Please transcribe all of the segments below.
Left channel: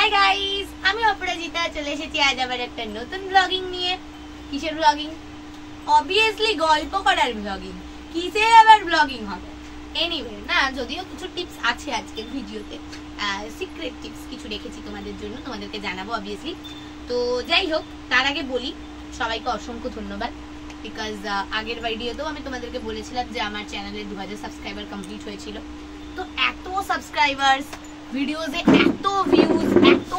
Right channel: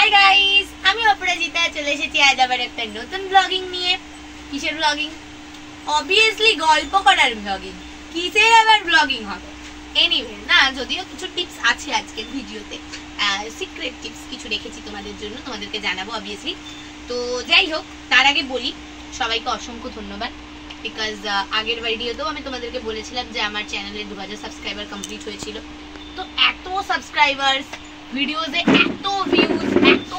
Hi guys, আমি অপরাজিতা চলে এসেছি আজ আবার একটা নতুন ব্লগিং নিয়ে। কিসের ব্লগিং? অবভিয়াসলি গল্প করার ব্লগিং। কিসের আবার ব্লগিং হবে? এনিওয়ে না, যদিও কিছু টিপস আছে আজকের ভিডিওতে, সিক্রেট টিপস কিছু রেখেছি তোমাদের জন্য, তোমাদেরকে জানাবো অবভিয়াসলি। তো যাই হোক, তার আগে বলি সবাইকে অসংখ্য ধন্যবাদ, বিকজ আগের ভিডিওতেও আমি তোমাদেরকে বলেছিলাম যে আমার চ্যানেলে 2000 সাবস্ক্রাইবার কমপ্লিট হয়েছিল। তো এত সাবস্ক্রাইবার্স, ভিডিওতে এত ভিউজ, এত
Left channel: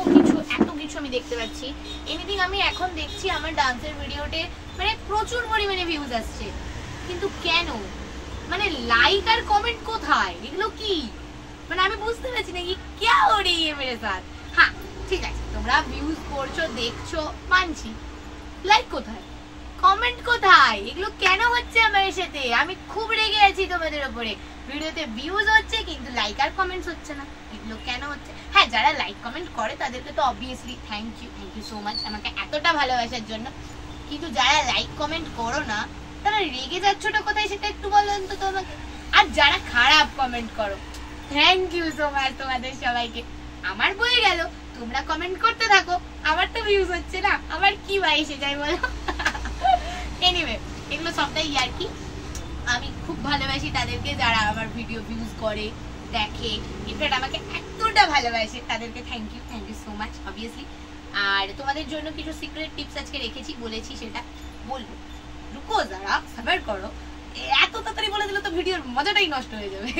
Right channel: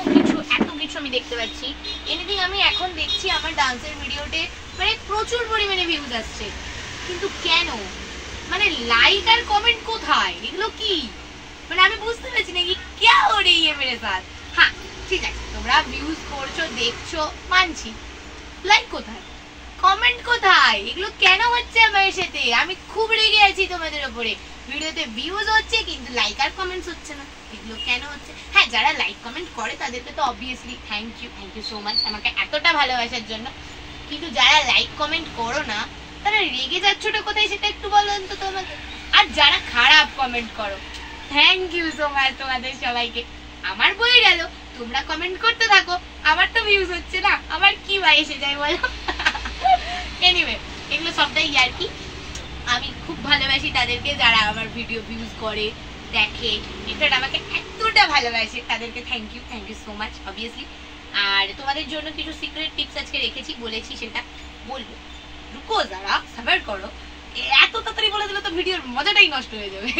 কিছু আমি দেখতে পাচ্ছি। এনিথিং আমি এখন দেখছি আমার ডান্সের ভিডিওতে মানে প্রচুর পরিমাণে ভিউজ আসছে, কিন্তু কেন? মানে লাইক আর কমেন্ট কোথায়? এগুলো কি মানে আমি বুঝতে পারছি না কি क्या हो रही है मेरे साथ। হ্যাঁ ঠিক আছে, তোমরা ভিউজ করছো, দেখছো, মানছি। লাইক কোথায়? কমেন্ট কোথায়? এগুলো কেন হচ্ছে আমার সাথে? আমি খুব রেগে আছি তোমাদের উপরে। ভিডিওতে ভিউজ হচ্ছে কিন্তু লাইক আর কমেন্টস হচ্ছে না, এগুলো কেন হচ্ছে? হ্যাঁ, যারা লাইক কমেন্ট করে তাদেরকে তো obviously thank you so much আমাকে এতটা ভালোবাসার জন্য। কিন্তু যারা লাইক কমেন্ট করো না, তারা রেগে যাচ্ছোটা কোথায় সেটা একটু বলো অন্তত আমাকে। আর যারা খারাপ কমেন্ট করো, থ্যাংক ইউ সো মাচ তোমাদের সবাইকে। আমার বয়ে গেল, তোমরা কমেন্ট করতে থাকো, আমার তো ভিউজ হচ্ছে না, আমার কি ভাই এসে যায় বলো। এনিওয়ে, এগুলো সবটাই আর কি। আমি খুব ভালোবাসি তাদেরকে যারা আমার ভিডিও ভিউজ করে, দেখে, ইনফ্যাক্ট আমাকে এতটা ভালোবাসে, তাদেরকে thank you so much obviously. আর তোমাদের জন্য কিছু সিক্রেট টিপস আজকে রেখেছি, বলেছি সেটা বলবো। রুকো যারা, সবার করো। এত তাড়াতাড়ি বলে দিলে তো ভিডিওর মজাটাই নষ্ট হয়ে যাবে।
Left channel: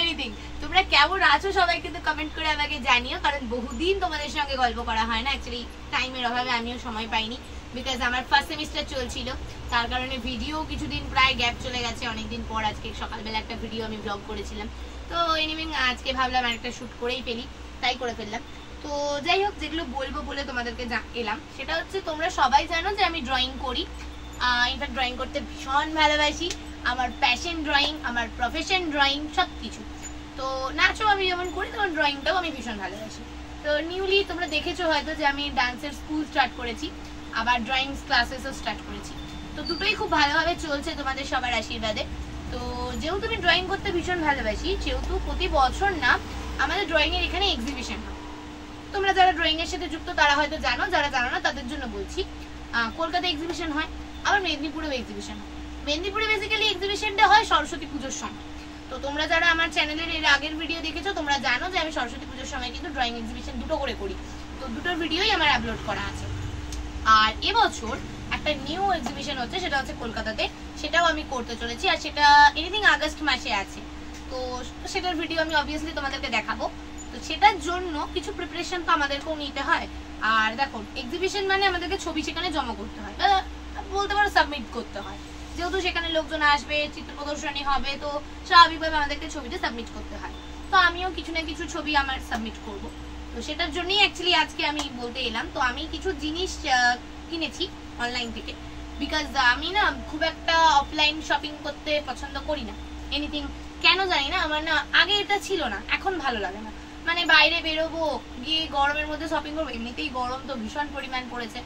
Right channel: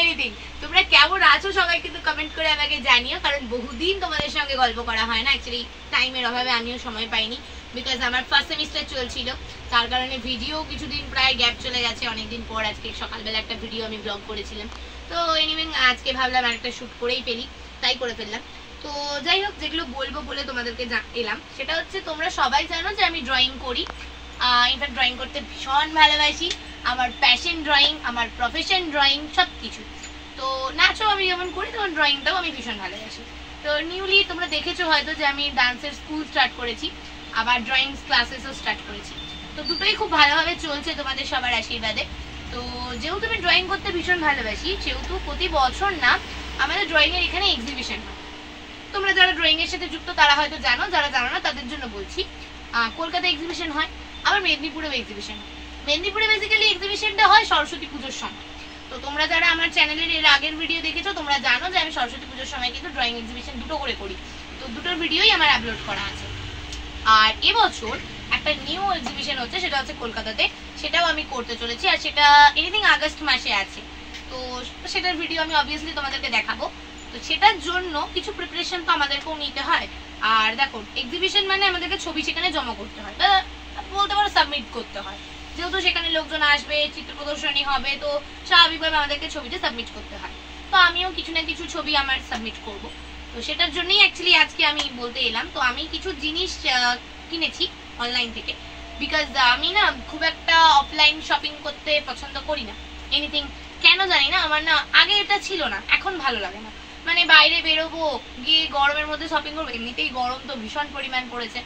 এনিথিং, তোমরা কেমন আছো সবাই কিন্তু কমেন্ট করে আমাকে জানিও, কারণ বহুদিন তোমাদের সঙ্গে গল্প করা হয় না। অ্যাকচুয়ালি টাইমের অভাবে আমিও সময় পাইনি, বিকজ আমার ফার্স্ট সেমিস্টার চলছিল, তার কারণে ভিডিও কিছুদিন প্রায় গ্যাপ চলে গেছে। অনেকদিন পর আজকে সকালবেলা একটা ভিডিও আমি ব্লগ করেছিলাম। তো এনিওয়ে আজকে ভাবলাম আরেকটা শ্যুট করেই ফেলি, তাই করে ফেললাম। তো যাই হোক, যেগুলো বলবো বলে তোমাদেরকে এলাম সেটা হচ্ছে, তোমরা সবাই জানো যে আমি ড্রয়িং করি। ইনফ্যাক্ট ড্রয়িং করতে ভীষণ ভালোবাসি। আমার প্যাশন ড্রয়িং, আমার প্রফেশন ড্রয়িং, সব কিছু। তো নাচও আমি যেমন করি, তেমন ড্রয়িংটাও আমি ভীষণ ভালোবাসি। তো নিউলি তোমরা দেখেছো হয়তো যে আমি ডান্সের স্কুল স্টার্ট করেছি, আবার ড্রয়িং ক্লাসেসও স্টার্ট করেছি। তো দুটোই খুব ভালোভাবে চলছে তোমাদের সবার আশীর্বাদে। তো যেহেতু আমি ড্রয়িং করতে ভীষণ ভালোবাসি, সেহেতু প্রতি বছর না আমাদের ড্রয়িং এর এখানে এক্সিবিশন হয়। তোমরা যারা ড্রয়িং এর সাথে যুক্ত তারা হয়তো জানো, যারা জানো না তাদের জন্য বলছি। কলকাতা এক্সিবিশন হয়, আবার মেদিনীপুরেও এক্সিবিশন হয়। মেদিনীপুরে বেসিক্যালি এক্সিবিশনটা হয় সরস্বতী পুজোর সময়। তো তোমরা যারা আমার চ্যানেলের এর আগের ভিডিও দেখেছো, তোমরা জানো যে আমি সরস্বতী পুজোর সময় কিন্তু ড্রয়িং এক্সিবিশন দুটো করে করি। তো দুটোর ভিডিওই আমার আপলোড করা আছে। আর এবছর একটা নিউ এক্সিবিশন হচ্ছে, সেটা হচ্ছে কলকাতাতে, সেটাও আমি করতে চলেছি। আর সেটা এনিথিং আগস্ট মাসে আছে। তো সেটার ভিডিও আমি অবভিয়াসলি তোমাদেরকে দেখাবো। তো সেটার জন্য কিছু প্রিপারেশন তো আমাদেরকেও নিতে হয়। আর দেখো, এক্সিবিশন মানে আমাদেরকে ছবি সেখানে জমা করতে হয়, বলতে পারো সাবমিট করতে হয়। যেহেতু সেখানে লোকজন আসবে, চিত্র প্রদর্শনী হবে, তো স্বাভাবিকভাবে আমাদেরকে ছবিটা সাবমিট করতে হয়। তো আমিও কিছু না কিছু ছবি আমার সাবমিট করব। তো সেটার জন্যই অ্যাকচুয়ালি আজকে আমি বলতে এলাম। তো আমি কিছু জিনিস কিনেছি অনলাইন থেকে, বিকজ আমি না খুব একটা অফলাইন শপিং করতে পছন্দ করি না। এনিথিং কেন জানি না, আমার না আগে এটা ছিল না, এখন ভালো লাগে না। মানে বাইরে বেরোবো, গিয়ে গরমের মধ্যে শপিং করবো, এমনিতেই গরম তো ভীষণ পরিমাণ পড়েছে।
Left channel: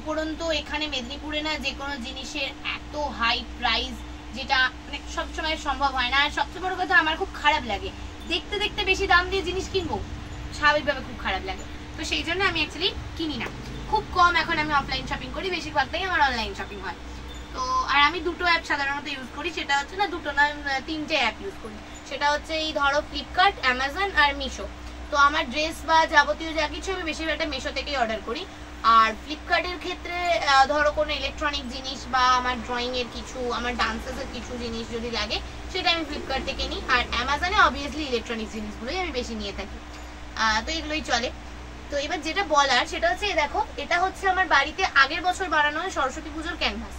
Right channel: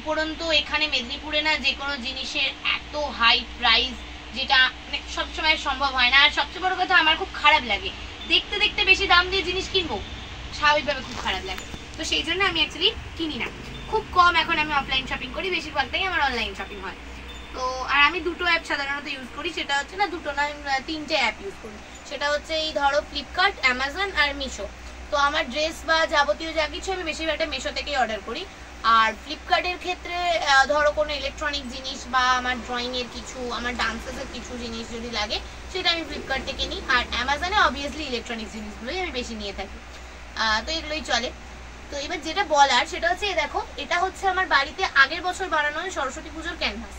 উপরন্তু এখানে মেদিনীপুরে না যে কোনো জিনিসের এত হাই প্রাইস, যেটা মানে সবসময় সম্ভব হয় না। আর সবচেয়ে বড় কথা, আমার খুব খারাপ লাগে দেখতে দেখতে বেশি দাম দিয়ে জিনিস কিনবো, স্বাভাবিকভাবে খুব খারাপ লাগে। তো সেই জন্য আমি অ্যাকচুয়ালি কিনি না, খুব কম এখন আমি অফলাইন শপিং করি, বেশিরভাগটাই আমার অনলাইন শপিং হয়। তো আর আমি দুটো অ্যাপ সাধারণত ইউজ করি, সেটা হচ্ছে না দুটো না, তিনটে অ্যাপ ইউজ করি। সেটা হচ্ছে এই ধরো ফ্লিপকার্ট, অ্যামাজন আর মিশো। তো আমার ড্রেস বা যাবতীয় যা কিছু আমি বেশিরভাগটা মিশো থেকেই অর্ডার করি। আর ফ্লিপকার্টের ক্ষেত্রে ধরো কোনো ইলেকট্রনিক জিনিস বা আমার ড্রয়িং এর কিছু, আমার ডান্সেসের কিছু জিনিস যদি লাগে, সেটা আমি ফ্লিপকার্ট থেকে নিই। আর অ্যামাজনে অবভিয়াসলি ইলেকট্রনিক জিনিসগুলোই আমি বেশি নিয়ে থাকি। তো এগুলোই চলে। তো এবার যেটা বলার সেটা হচ্ছে, দেখো এটা হচ্ছে আমার বাড়িতে আগের বছর বানানো সরস্বতী পুজোর ক্যানভাস।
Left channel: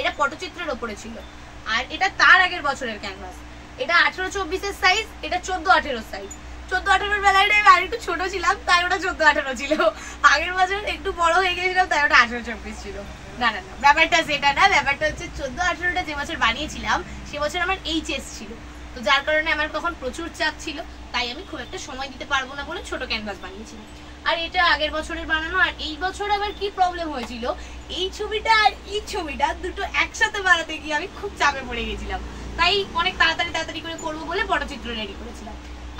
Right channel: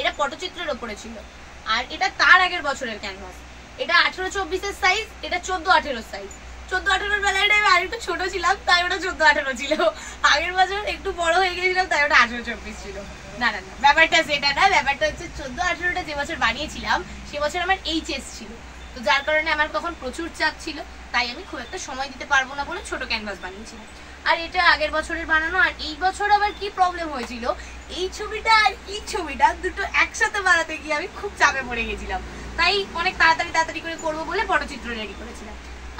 এটা পটচিত্রের ওপরে ছিল। আর এটা তার আগের বছরের ক্যানভাস। এটা 18-24 সাইজ, এটা 14-18 সাইজ। 14-18 বেলায় আমি আর একটু ছোট ছিলাম, তাই ওটা 14-18 ছিল। আগের বছর একটু বড় হয়ে গেছিলাম, তাই ওটা 18-24 ছিল। না না না, ব্যাপারটা সেটা না, ব্যাপারটা হচ্ছে 14-18টা যে বছর বানিয়েছিলাম, সে বছর আমার এইচএস ছিল। তো যার কারণে আমার তখন প্রচুর চাপ ছিল, তাই আমি খুব একটা সময় দিতে পারবো না বলে ছোট ক্যানভাস বানিয়েছিলাম। আর এটা আগের বছরের বানানো। আর এই বছর আবার কি প্রবলেম হয়েছিল, এই ছবিটা আর এই ছবিটা দুটো একসাথে বানাতে গিয়ে আমি খুব চাপে পড়ে গেছিলাম, তাই অনেক তাড়াতাড়ি করে করবো বলে পটচিত্র রেডি করেছিলাম।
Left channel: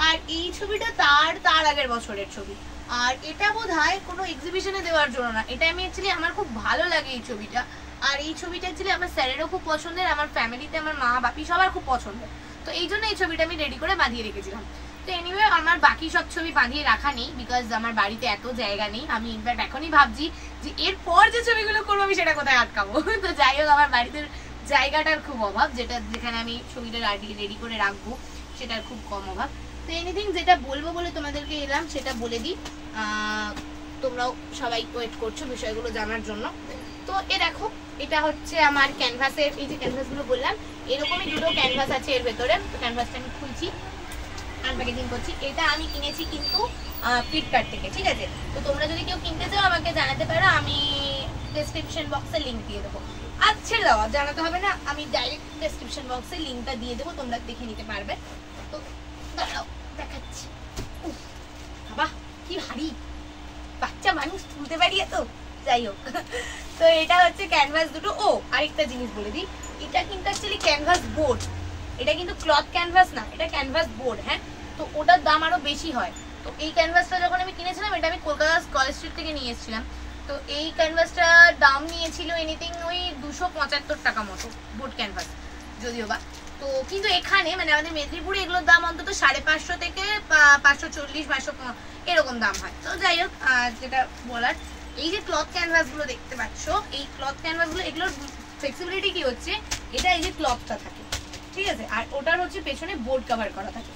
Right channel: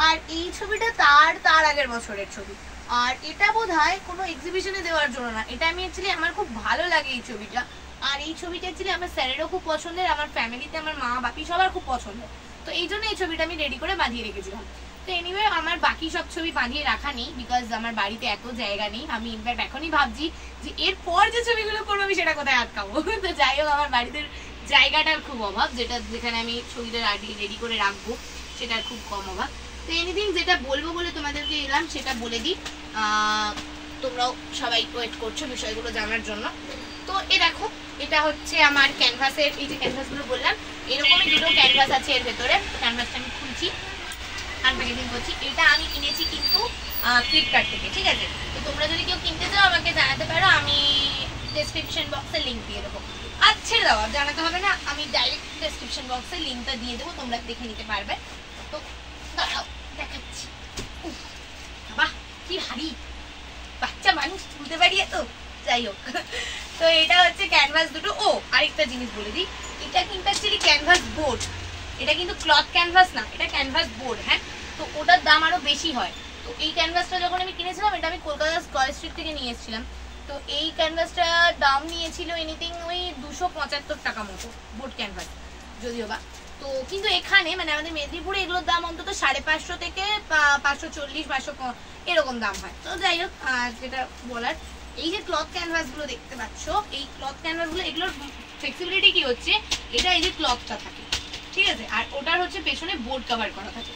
আর এই ছবিটা তার তার আগের বছরের ছবি। আর এটা বোধহয় কোনো এক্সিবিশনে দেওয়ার জন্য না, এটা আমি অ্যাকচুয়ালি আমার খুব ভালো লাগে এই ছবিটা। আর এই ছবিটা অ্যাকচুয়ালি আমার স্যারেরও খুব পছন্দের, আমার ফ্যামিলিতে আমার মা বাপি সবার খুব পছন্দের। তো এই জন্য এই ছবিটা আমি রেডি করে বাঁধিয়ে রেখেছিলাম। তো এনিওয়ে আমার বাকি সব ছবি বাঁধিয়ে রাখা নেই, বিকজ আমার বাড়িতে এত জায়গা নেই। আমি ইনফ্যাক্ট এখনই ভাবছি যে এরপর যে ছবিগুলো করবো আমি সেটা কোথায় আটকাবো। তো যাই হোক, আমার বাড়িতে জায়গাটার খুব অভাব, যেখানে আমি ছবিটা রেডি করে রাখবো সেটার খুব কম অভাব। তো এনিথিং যেটা বলবো বলে তোমাদেরকে এলাম সেটা বলে দিই, তোমরাও সবাই ওয়েট করছো বিষয়গুলো জানার জন্য। তো দেখো, এটা হচ্ছে আমার ক্যানভাসের, এই যে ক্যানভাসগুলো বললাম এরকমই দুটো ক্যানভাস আছে এর ভেতরে। ক্যানভাসটা আমি খুলছি, আনপ্যাকেজিং করছি। এটা আমি কিনেছি কিন্তু ফ্লিপকার্ট থেকে, ঠিক আছে? তো তোমরা যদি কেউ কিনতে চাও আমাকে জানাতে পারো, আমি ডেসক্রিপশন বক্সে লিঙ্ক দিয়ে দেবো। আচ্ছা দাও, জানাতে হবে না, আমি ডাইরেক্ট ডেসক্রিপশন বক্সে লিঙ্কটা দিয়ে দেবো, তোমরা দেখে নিতে পারবে। তো দাঁড়াও দেখাচ্ছি। বাহ কি ভারী, বাচ্চা মানুষ তুলতে পারি এত। যাই হোক, তো এটা হচ্ছে ক্যানভাস দুটো। ও আরেকটা জিনিস বলে দিই, এটা কিন্তু অ্যাকচুয়ালি ক্যানভাস বোর্ড, এটা কিন্তু ক্লথ ক্যানভাস না, এটা ক্যানভাস বোর্ড। হ্যাঁ, তো ওটার দাম আরো বেশি হয়। তো এই ক্যানভাসটা যখন আমি কিনেছিলাম, এটা আমি কলকাতা স্কয়ার স্ট্রিট থেকে নিয়ে এসেছিলাম। তো এই ক্যানভাসটার দাম নিয়েছিল এনিথিং ওই 275 টাকা মতো, বোর্ড ক্যানভাস যদিও বা। তো কিন্তু এখানে মানে আমাদের মেদিনীপুরে এগুলোর দাম অন্তত 550 থেকে 540 500 এরকম দাম হয়। তো যাই হোক, যেটা বলার, এই যে ক্লথ ক্যানভাস গুলো দেখতে পাচ্ছ, এই ক্লথ ক্যানভাস গুলো, এগুলোর ফ্লেক্সিবিলিটি কি হচ্ছে, এটা এই যে ক্লথটা থাকে, ঠিক আছে, আর ওটার হচ্ছে পেছনে বোর্ড কভার করা থাকে।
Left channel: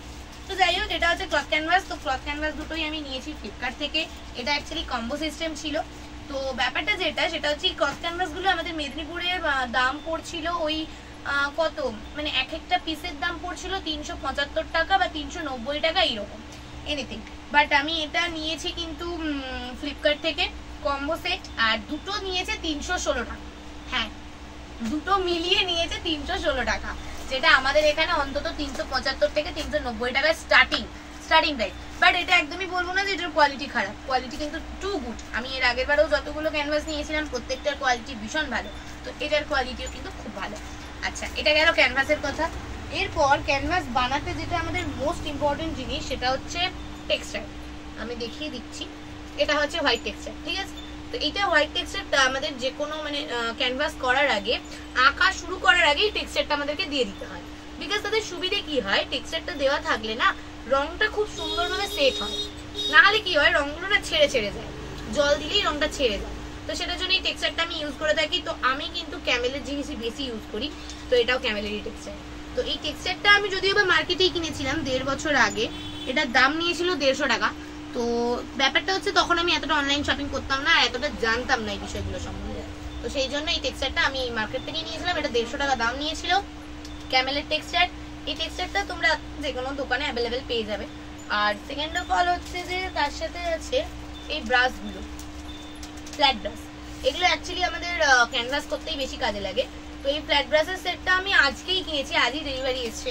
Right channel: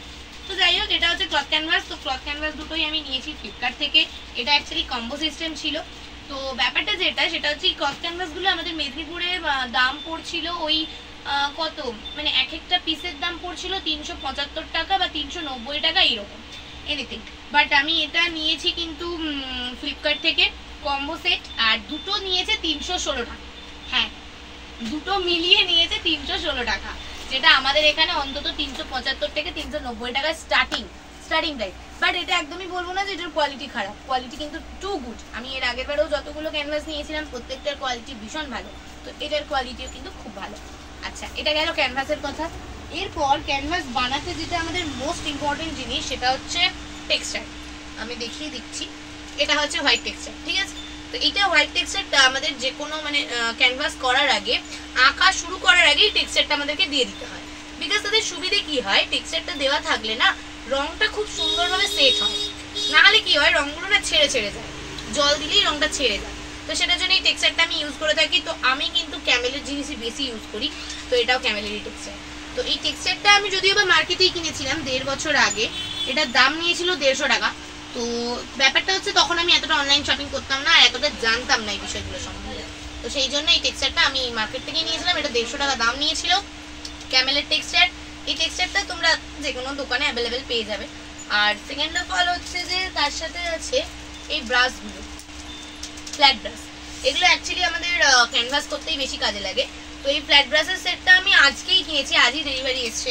তো যাই হোক, এটা হচ্ছে ক্লথ ক্যানভাস। তো ক্লথ ক্যানভাস দুটোই আমি নিয়েছি ফ্লিপকার্ট থেকে। এটা অ্যাকচুয়ালি কম্বো সিস্টেম ছিল। তো ব্যাপারটা যেটা, সেটা হচ্ছে এই ক্লথ ক্যানভাস গুলো আমাদের মেদিনীপুরে দাম পড়ছিল ওই কত, মানে এক একটা পিসের দাম পড়ছিল 375 টাকা বা 390 টাকা এরকম এনিথিং। বাট আমি এটা নিয়েছি কিন্তু ফ্লিপকার্ট থেকে কম্বো সেট, আর দুটো নিয়েছে 316 টাকা। হ্যাঁ, দুটো মিলিয়ে নিয়েছে 316 টাকা, যেটা আমাদের এখানে অন্তত 375 থেকে 390 টাকা স্টার্টিং প্রাইস। বাট এটা একদমই বলবো না যে এটার কোয়ালিটি খারাপ, কোয়ালিটি কিন্তু টু গুড। আমি এর আগের বারেও যতগুলো ক্যানভাস নিয়েছিলাম প্রত্যেকটার কোয়ালিটি ভীষণ ভালো, তো এটার কোয়ালিটিও কিন্তু খুব ভালো। আচ্ছা, এটা গেল ক্যানভাসের কথা। এরপর ক্যানভাস বানাতে যেটা আমাদের মোস্ট ইম্পর্টেন্ট জিনিস, সেটা হচ্ছে টেক্সচার। আমি দেখিয়ে দিচ্ছি, এটা হচ্ছে হোয়াইট টেক্সচার, ঠিক আছে? তো এটা হোয়াইট টেক্সচারটা আমাদের যে কোনো মানে ক্যানভাস করার আগে, আঁকা শুরু করার আগেই টেক্সচারটা আমাদেরকে দিয়ে দিতে হয়। বিকজ তাদের সুবিধে কি হয়, টেক্সচারটা দেওয়া থাকলে না রংটা খুব সুন্দরভাবে সেট হয়, না হলে কি হয় রংগুলো না ছেড়ে ছেড়ে যায়, জল দিলেই রংটা ছেড়ে যায়। তো সেটার জন্য এই টেক্সচারটা আমি ইউজ করে থাকি। তো আমি কিন্তু ক্যামেলের জিনিসই বেশি ইউজ করি, তো এটাও ক্যামেলেরই টেক্সচার। তো এই টেক্সচারটা আমি যদিও বা মার্কেটেই কিনেছিলাম 1.5 বছর আগে, এটার দাম নিয়েছিল 150 টাকা। তো ব্যাপারটা হচ্ছে তখন আমি এতটা অনলাইন শপিং করতাম না, আর এতটা জানতাম না এই বিষয়গুলো সম্বন্ধে। তো সেই জন্য এই টেক্সচারটা আমি মার্কেট থেকেই নিয়েছিলাম, এটা 150 টাকা দাম নিয়েছিল, ক্যামেলের টেক্সচার। এই টেক্সচারটা তোমরা যে কোনো দোকানে অ্যাভেলেবেল পেয়ে যাবে। আর সেকেন্ড অফ অল হচ্ছে যে তার সাথে আছে এই ব্রাশগুলো, ফ্ল্যাট ব্রাশ। এগুলো অ্যাকচুয়ালি আমাদের ক্যানভাস করতেই বেশি কাজে লাগে। তো এই ফ্ল্যাট ব্রাশের সেটটা আমি আজকেই কিনেছি, আজই ডেলিভারি এসছে।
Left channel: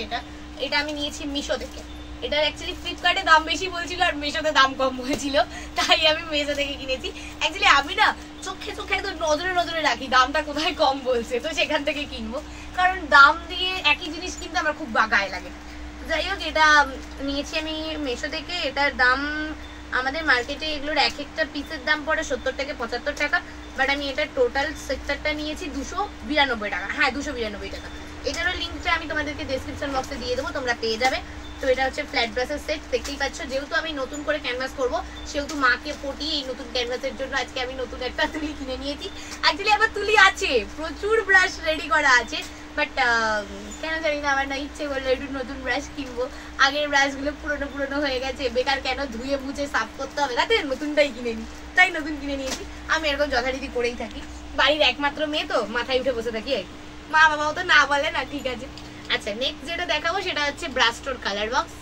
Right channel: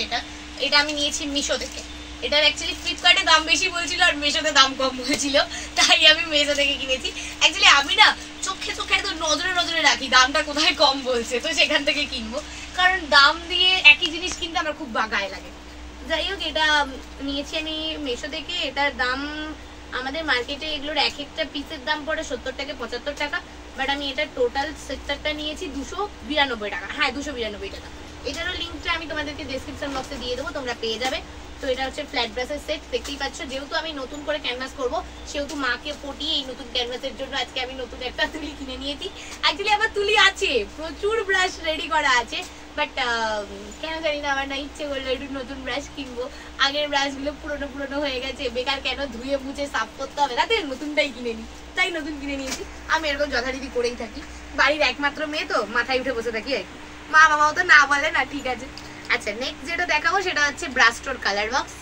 এটা আমি নিয়েছি মিশো থেকে। এটার অ্যাকচুয়ালি ফ্লিপকার্টে দাম বেশি বলছিল আর মিশোতে দাম কম বলছিল, তাই আমি মিশো থেকে কিনেছি। অ্যাকচুয়ালি আমি না চোখে চোখে একদম নজরে নজরে রাখি দামটা কোথায় কম বলছে, তো সেখান থেকে কিনবো, কারণ দাম দিয়ে একই জিনিস কিনতে আমার খুব গায়ে লাগে। যাই হোক, এটা নিয়েছি আমি মিশো থেকে। এটার দাম আমাদের মার্কেটে এগুলোর এক একটা পিসের দাম পড়ে 70 থেকে 75 টাকা, বাট আমি এটার টোটাল সেক্টরটা নিয়েছি 292 টাকা। হ্যাঁ, 292 টাকা। এটারও লিঙ্কটা আমি তোমাদেরকে ডেসক্রিপশন বক্সে দিয়ে দেবো, তোমরা পেয়ে যাবে। তো এটা হচ্ছে ফ্ল্যাট ব্রাশের সেট, দেখতেই পাচ্ছ। যেহেতু আমি নতুন করে ক্যানভাস করব, সেহেতু মাকে পটিয়ে এই নতুন ক্যানভাসের জন্য আজকে আমি নতুন একটা তুলি কিনে নিয়েছি। অ্যাকচুয়ালি আমার তুলি আছে, প্রচুর ব্রাশ রেডি করা আছে, বাট কেন জানি না আমার না ইচ্ছে করলো একটু নতুন ব্রাশ কিনবো। আগের ব্রাশগুলো পুরোনো পুরোনো হয়ে গেছে, বেকার কেন ধুয়ে মুছে সাফ করতে হবে, তাতে নতুনটাই কিনে নিই, তাই নতুন কিনে নিয়েছি। আমি এরকম যথারীতি করেই থাকি, বাড়ির একমাত্র মেয়ে তো মাথায় উঠে বসে থাকি আর কি, মা বাবাও তো না বলে না, ঠিক আছে। আচ্ছা, নেক্সট যেটা দেখাবো সেটা হচ্ছে ব্রাস্টোর কালার বক্স।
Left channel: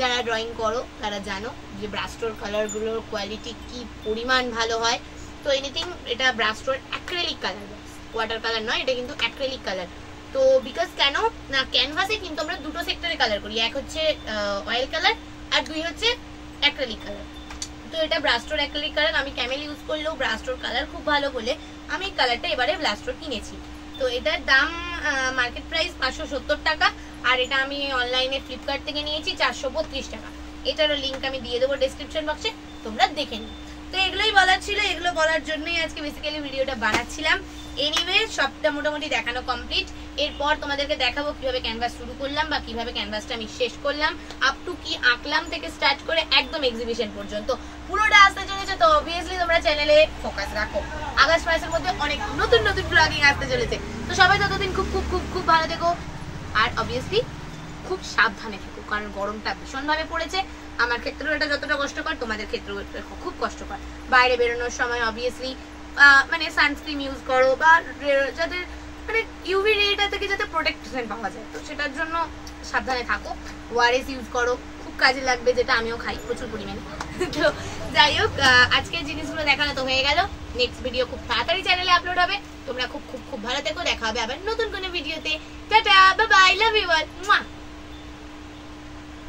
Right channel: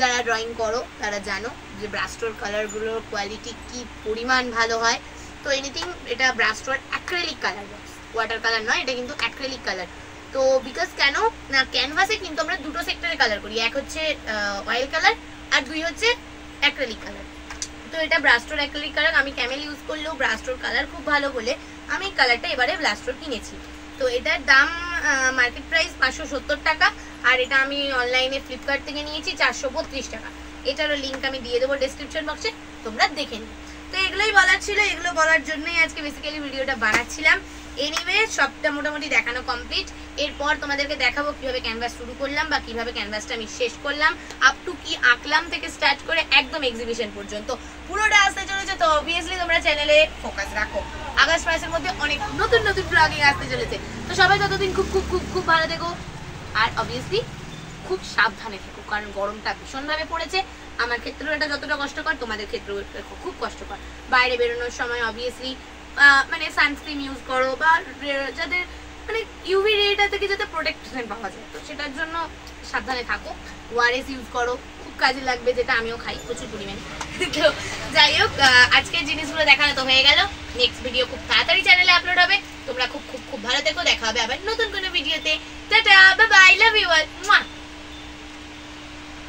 যারা ড্রয়িং করো তারা জানো যে ব্রাস্টোর কালারগুলোর কোয়ালিটি কি পরিমাণ ভালো হয়। তো এনিথিং, এটা ব্রাস্টোর acrylic colour box, water colour নয়, এটা কিন্তু অ্যাক্রিলিক কালার। তো বিকজ কেন না, ক্যানভাসে কিন্তু আমরা দুটো সেক্টরে কালার করি, এক হচ্ছে অয়েল কালার আর 2 হচ্ছে অ্যাক্রিলিক কালার। তো এটা ব্রাস্টোর অ্যাক্রিলিক কালার। আমি ক্যামেল ইউজ করলেও ব্রাস্টোর কালার খুব ভালো বলে আমি কালারটা এবারে ব্রাস্টোর কিনেছি। তো এটার দাম মার্কেট প্রাইস 570 টাকা, আর এটা আমি অনলাইনে ফ্লিপকার্ট থেকে নিয়েছি 432 টাকা। এটারও লিঙ্ক আমি দিয়ে দেবো ডেসক্রিপশন বক্সে, তোমরা দেখে নিও। তো এগুলোই বলার ছিল, এগুলো বলার জন্যই আজকে বেসিক্যালি ভিডিওটা বানাচ্ছিলাম। এনিওয়ে সবটা মোটামুটি দেখানো কমপ্লিট। এরপর তোমাদেরকে দেখাবো কিভাবে ক্যানভাস শুরু করলাম বা কিভাবে ক্যানভাসটা আমি শেষ করলাম, আপ টু কি আঁকলাম থেকে স্টার্ট করে একদম এক্সিবিশন পর্যন্ত পুরোটা আসতে চলেছে। তো অবভিয়াসলি তোমরা চ্যানেলে ফোকাস রাখো, আগস্ট মাসের মধ্যে অনেক নতুন নতুন ব্লগিং আসতে চলেছে। তো সবাই ততদিন খুব খুব খুব খুব ভালো থেকো, আর অবভিয়াসলি খুব সাবধানে থেকো, কারণ গরমটা ভীষণভাবে পড়েছে। আমার ক্ষেত্রেও এটা যতটা কষ্টকর, তোমাদের ক্ষেত্রেও খুব কষ্টকর। বাইরে বেরোনোর সময় অবভিয়াসলি মানে সানস্ক্রিন ইউজ করো, বা যাদের মানে ইউভি রেটা থেকে যাতে প্রোটেকশন পাওয়া যায়, তো সেটার জন্য সাবধানে থাকো। ওআরএস ইউজ করো, খুব কাজে লাগবে, যেটা আমিও খাই প্রচুর পরিমাণে। তো যাই হোক, আজকের জিনিসগুলো দেখানো তো হয়ে গেল। নেক্সট ভিডিও খুব তাড়াতাড়ি চ্যানেলে আপলোড হবে। তোমরা খুব খুব খুব ভালো থেকো, দেখা হবে আবার নতুন কোনো ভিডিওতে। Tata, bye bye, love you all.